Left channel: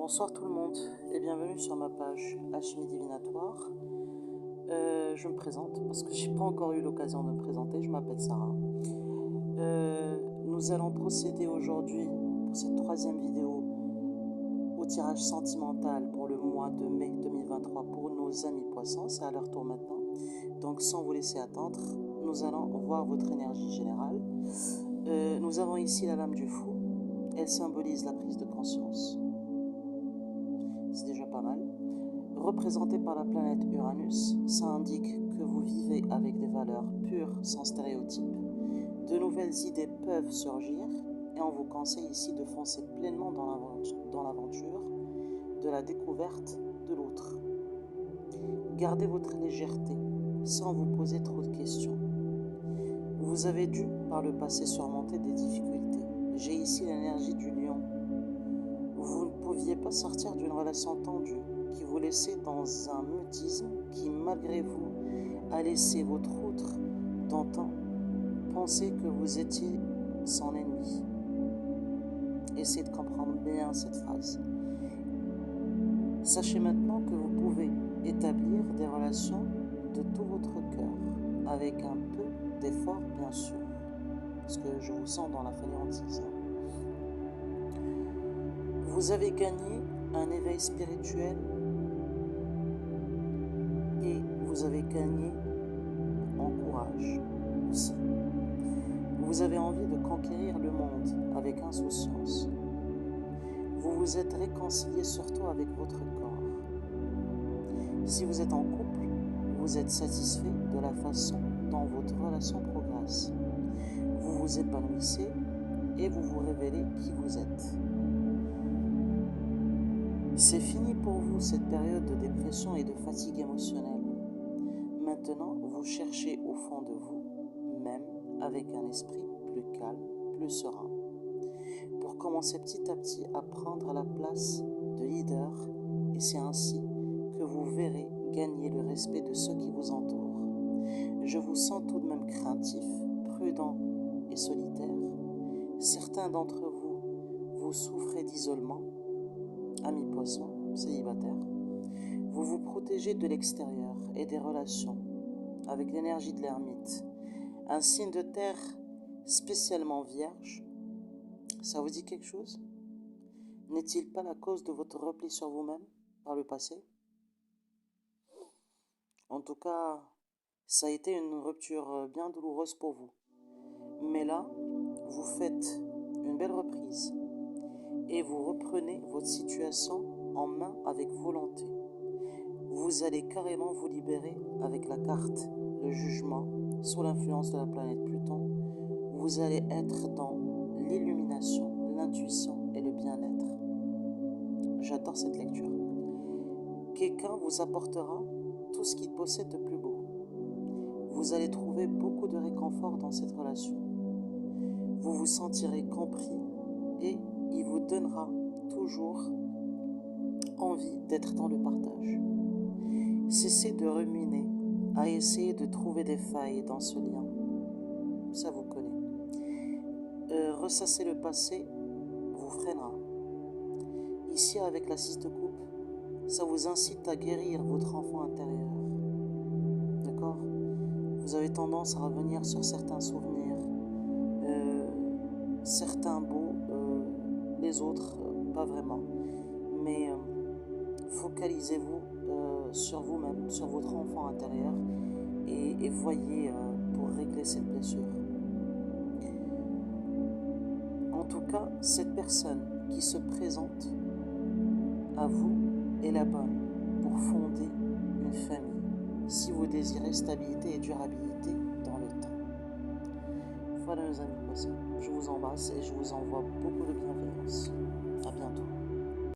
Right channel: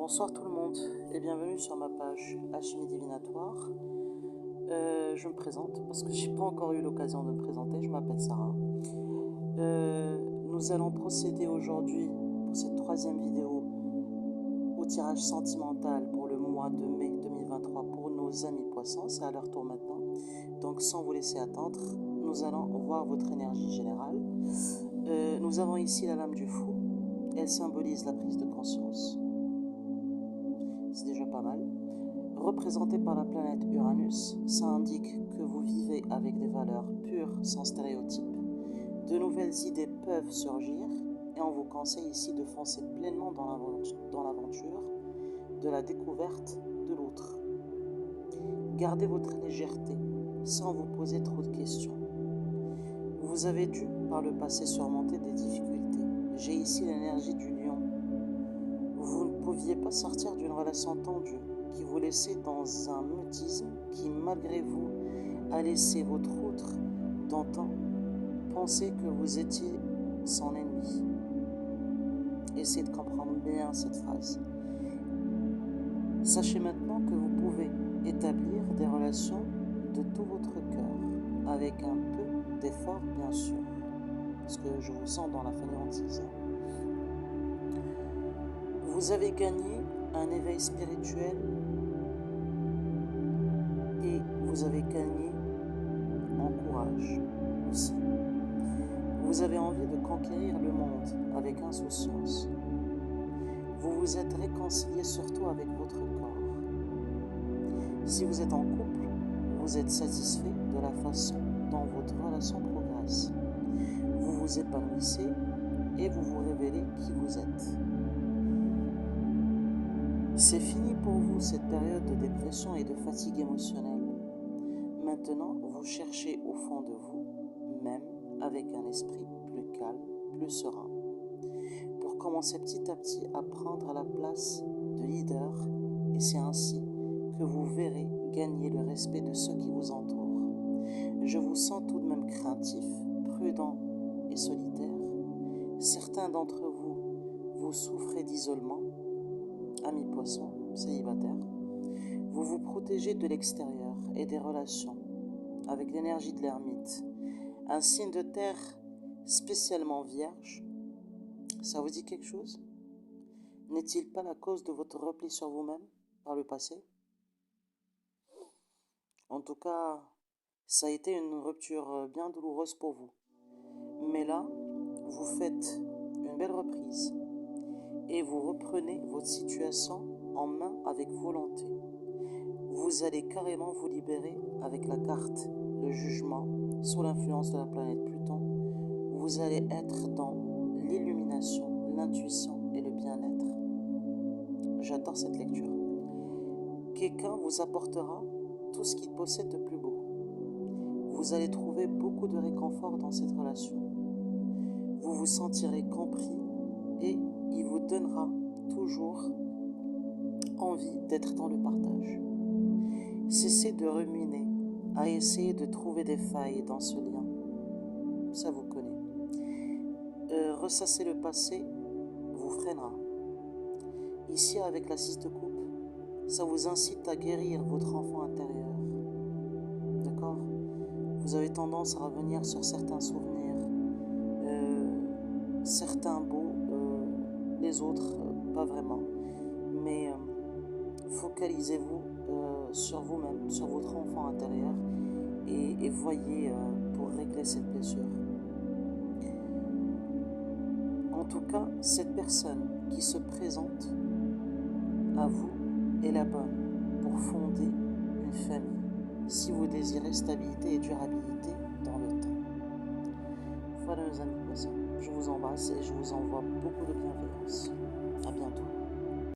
Bonsoir tout le monde et bienvenue sur ma page Alchimie Divinatoire. Je me présente parce que j'ai pas encore eu l'occasion de me présenter, je m'appelle Sarah. Nous allons procéder aujourd'hui pour cette troisième vidéo au tirage sentimental pour le mois de mai 2023 pour nos amis poissons, c'est à leur tour maintenant. Donc sans vous laisser attendre, nous allons voir votre énergie générale. Nous avons ici la lame du fou, elle symbolise la prise de conscience. C'est déjà pas mal. Représenté par la planète Uranus, ça indique que vous vivez avec des valeurs pures sans stéréotypes. De nouvelles idées peuvent surgir et on vous conseille ici de foncer pleinement dans l'aventure de la découverte de l'autre. Gardez votre légèreté sans vous poser trop de questions. Vous avez dû par le passé surmonter des difficultés. J'ai ici l'énergie du lion. Vous ne pouviez pas sortir d'une relation tendue qui vous laissait dans un mutisme qui, malgré vous, a laissé votre autre d'antan penser que vous étiez son ennemi. Essayez de comprendre bien cette phrase. Sachez maintenant que vous pouvez établir des relations de tout votre cœur, avec un peu d'effort bien sûr, parce que je vous sens dans la fainéantise. Vous avez gagné un éveil spirituel et vous avez gagné en courage aussi. Vous avez envie de conquérir le monde avec insouciance. Vous vous êtes réconcilié surtout avec votre corps. Si vous êtes en couple, vous êtes satisfait de la façon dont votre relation progresse. Vous vous épanouissez et vous vous révélez qui vous êtes. C'est fini pour vous cette période de dépression et de fatigue émotionnelle. Maintenant, vous cherchez au fond de vous, même avec un esprit plus calme, plus serein, pour commencer petit à petit à prendre la place de leader, et c'est ainsi que vous verrez gagner le respect de ceux qui vous entourent. Je vous sens tout de même craintif, prudent et solitaire. Certains d'entre vous, vous souffrez d'isolement, amis poissons, célibataires. Vous vous protégez de l'extérieur et des relations avec l'énergie de l'ermite. Un signe de terre spécialement vierge, ça vous dit quelque chose? N'est-il pas la cause de votre repli sur vous-même par le passé? En tout cas, ça a été une rupture bien douloureuse pour vous. Mais là, vous faites une belle reprise et vous reprenez votre situation en main avec volonté. Vous allez carrément vous libérer avec la carte, le jugement, sous l'influence de la planète Pluton. Vous allez être dans l'illumination, l'intuition et le bien-être. J'adore cette lecture. Quelqu'un vous apportera tout ce qu'il possède de plus beau. Vous allez trouver beaucoup de réconfort dans cette relation. Vous vous sentirez compris et il vous donnera toujours envie d'être dans le partage. Cessez de ruminer à essayer de trouver des failles dans ce lien. Ça vous connaît. Ressasser le passé vous freinera. Ici, avec la 6 de coupe, ça vous incite à guérir votre enfant intérieur. D'accord? Vous avez tendance à revenir sur certains souvenirs, certains beaux, les autres pas vraiment. Mais focalisez-vous sur vous-même, sur votre enfant intérieur et voyez pour régler cette blessure. En tout cas, cette personne qui se présente à vous est la bonne pour fonder une famille, si vous désirez stabilité et durabilité dans le temps. Voilà mes amis poissons, je vous embrasse et je vous envoie beaucoup de bienveillance. À bientôt.